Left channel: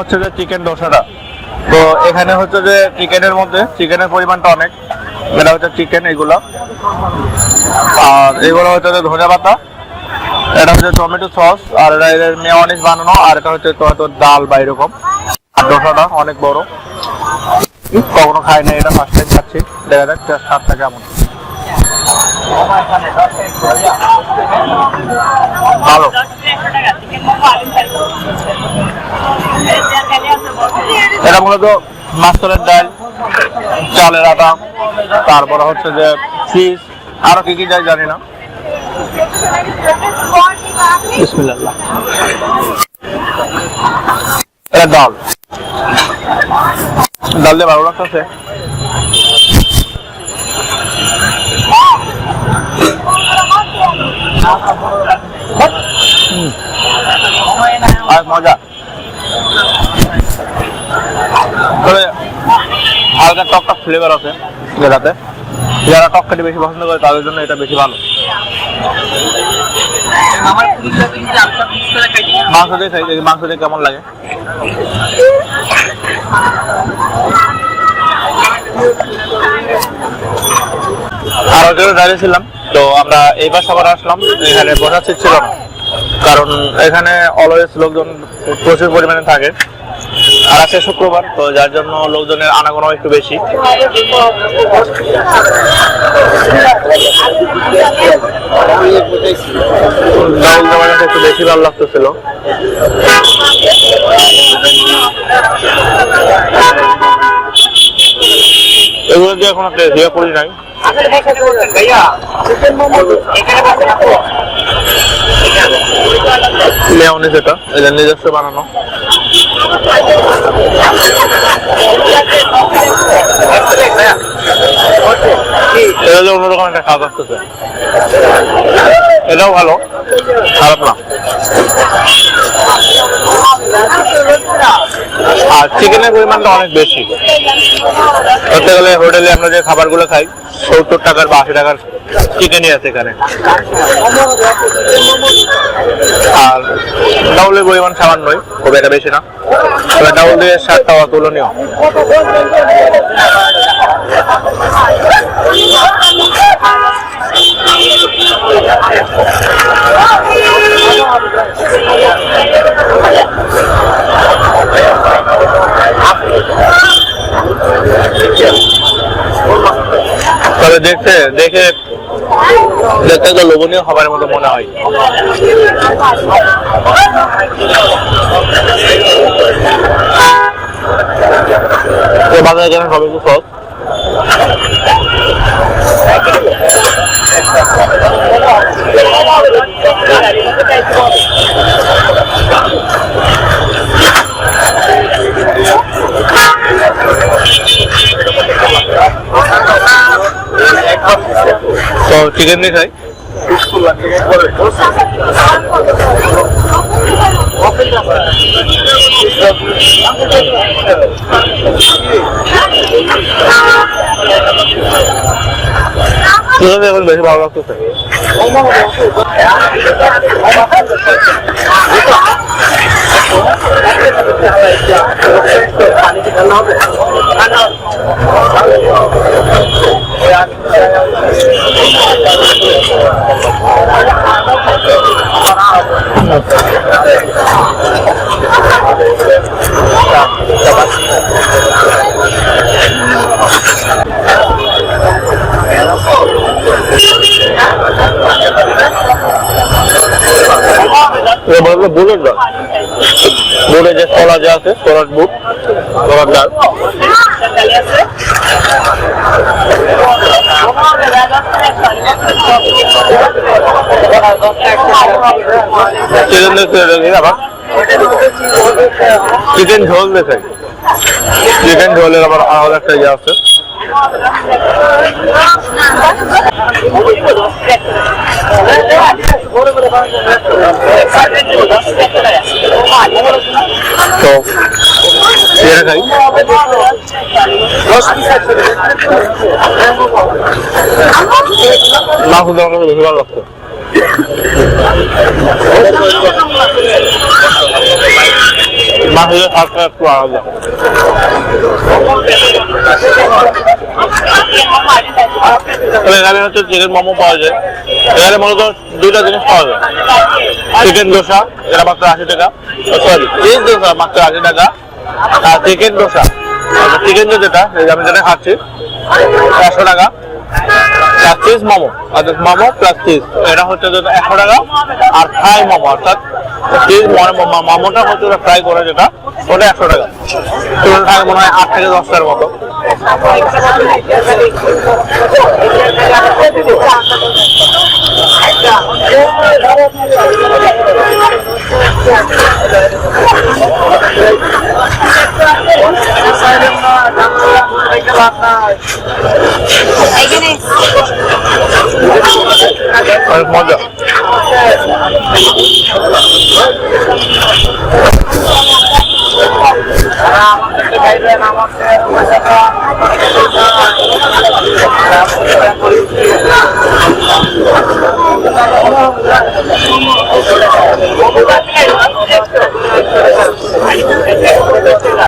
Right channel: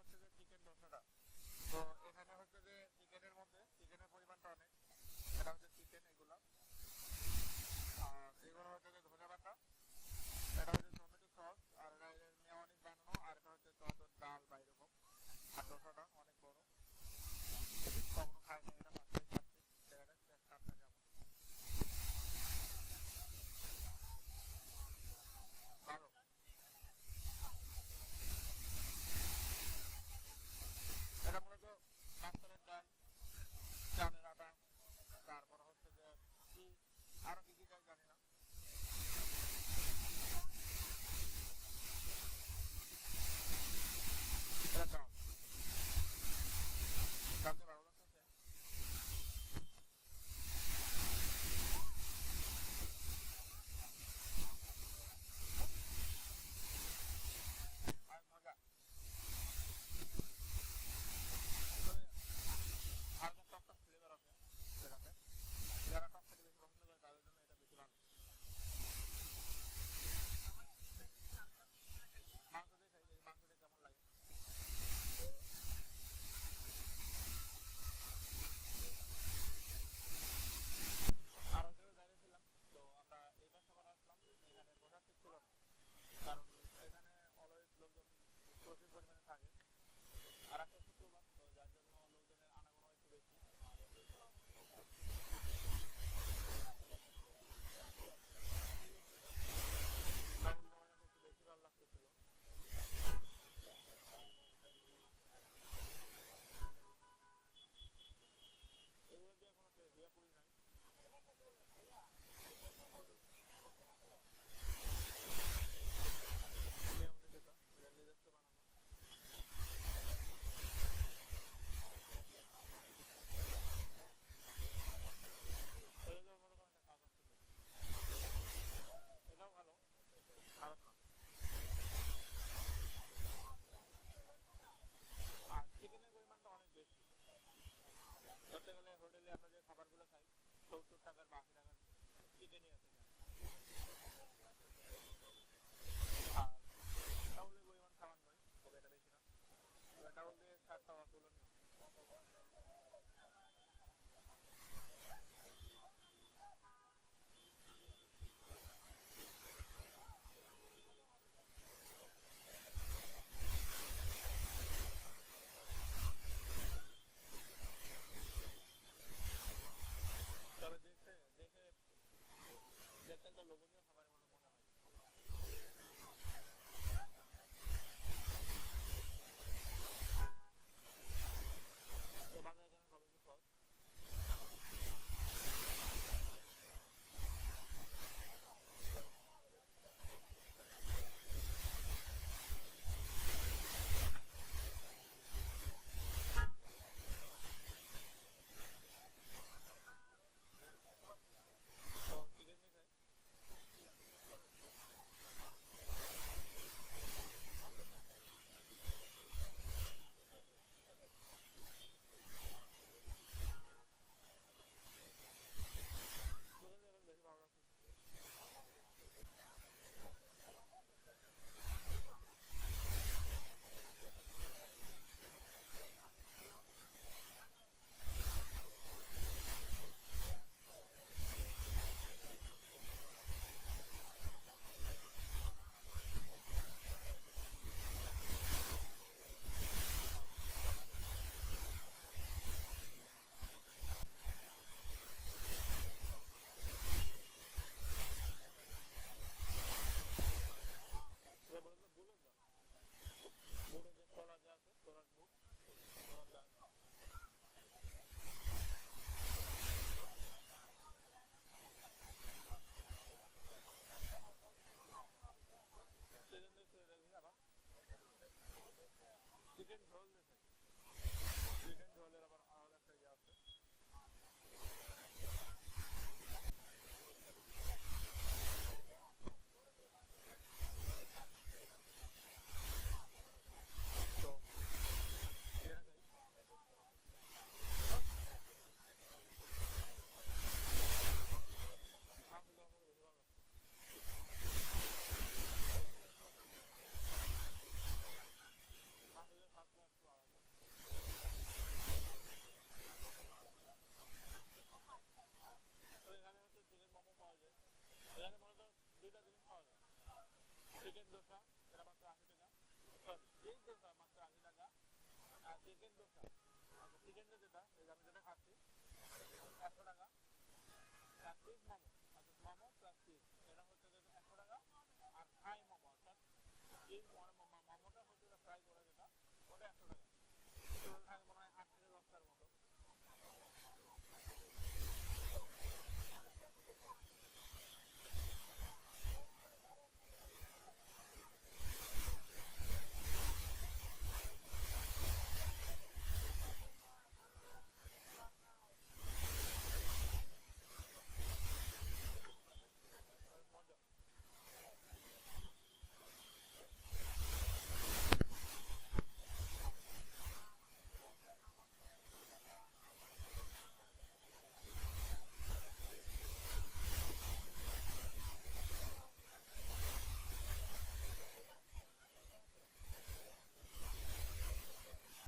হচ্ছে যে চিকেন ডোসাটা তো এখানে হচ্ছে যে চিকেনের মধ্যে চিকেনের পরিমাণটা অনেক। এটা হচ্ছে চিকেন এগুলো। আর এগুলো হচ্ছে যে ধনে পাতা। এটা হচ্ছে টমেটো সস আর এটা এর মেয়নিজ বানানো, আর এটা হচ্ছে তো ডাল বা এরকম। আর ডোসাটা অনেক বড়। কখনো খাই না এটা ফার্স্ট টাইম খাচ্ছি। দেখা যাক স্বাদটা কেমন। ভালো। এটা মূলত মাছের ডাল, চালের আটা, তারপরে হচ্ছে যে চিজ আরও কি কি যায় জানি না। এটা ডাল। ডাল দিয়ে ভালো লাগতেছে। মজা তবে হালকা টক টক ফ্লেভার আছে যেটাতে যারা টক খেতে বেশি পছন্দ করে, তাদের জন্য এটা বেশি ভালো। মাংস দিয়ে মাংস দিয়ে কেমন লাগে। আর তো আমরা এইবার সবার আসলাম, এখানে বসার ছিল কারণ এখানে অলওয়েজ লোকজন প্রচুর পরিমাণে থাকে। আর আছে শুক্রবার, তো যার জন্য লোকজনের আনাগোনা একটু বেশি। একটু বেশি ভালো লাগতেছিল। এগুলো দিয়ে এখন একটা দিয়ে করি নাই। মেয়নিজ এটা এটা নিজস্ব বানানো। এটা হলো অন্যরকম একটা স্বাদ আসতেছে। এটাও ভালো খারাপ না। আর চিকেনের পরিমাণটা অনেক বেশি। ধরতে গেলে হোটেলে আমরা যে খাবারগুলো খাই, সত্তর টাকার বা আশি টাকার চিকেনই আছে এখানে। আর ডাউলের পরিমাণ সামান্যই, খুব একটা বেশি না। তবে দিয়ে স্বাদটা অতুলনীয়। দেখতে দেখে দেখতে তো লোভনীয় খাবারের মতো মনে হয়। বাজারে গেলে হবে একটু সস তো চিকেন দিয়ে খাই। এখন বেশি ভালো লাগতেছে। বুলেট ডাল বুলেট যে ছোলা যে আছে ছোলার বুট ছোলার ডাল। চিকেন ঝোল দেখে চিকেন ঝোলের আবার আলাদা একটা ইয়ে আছে। তো এটা খাই মাংস দেওয়ার মতো বেশি ভালো এখানে হচ্ছে চিকেন মোমো পাওয়া যায়। এখানে মূলত দুইটা জিনিস পাওয়া যায়। চিকেন দোসা এটা মাত্র আশি টাকা। সরি চিজ দোসা মাত্র আশি টাকা। আর চিকেন দোসা। চিকেন যেটা, এই যে আমি যেটা খাচ্ছি, একশো টাকা। প্লাস চিজ মোমো অর্থাৎ মোমো প্লাস চিজ এটা হচ্ছে একশো টাকা। আর ফ্রাই মোমো, অর্থাৎ চিজ মোমোটা হচ্ছে ফ্রাই করে যেটা, ওটা একশো টাকা। টাকা মনে হয় আট থেকে দশ টাকার মতো। অনেক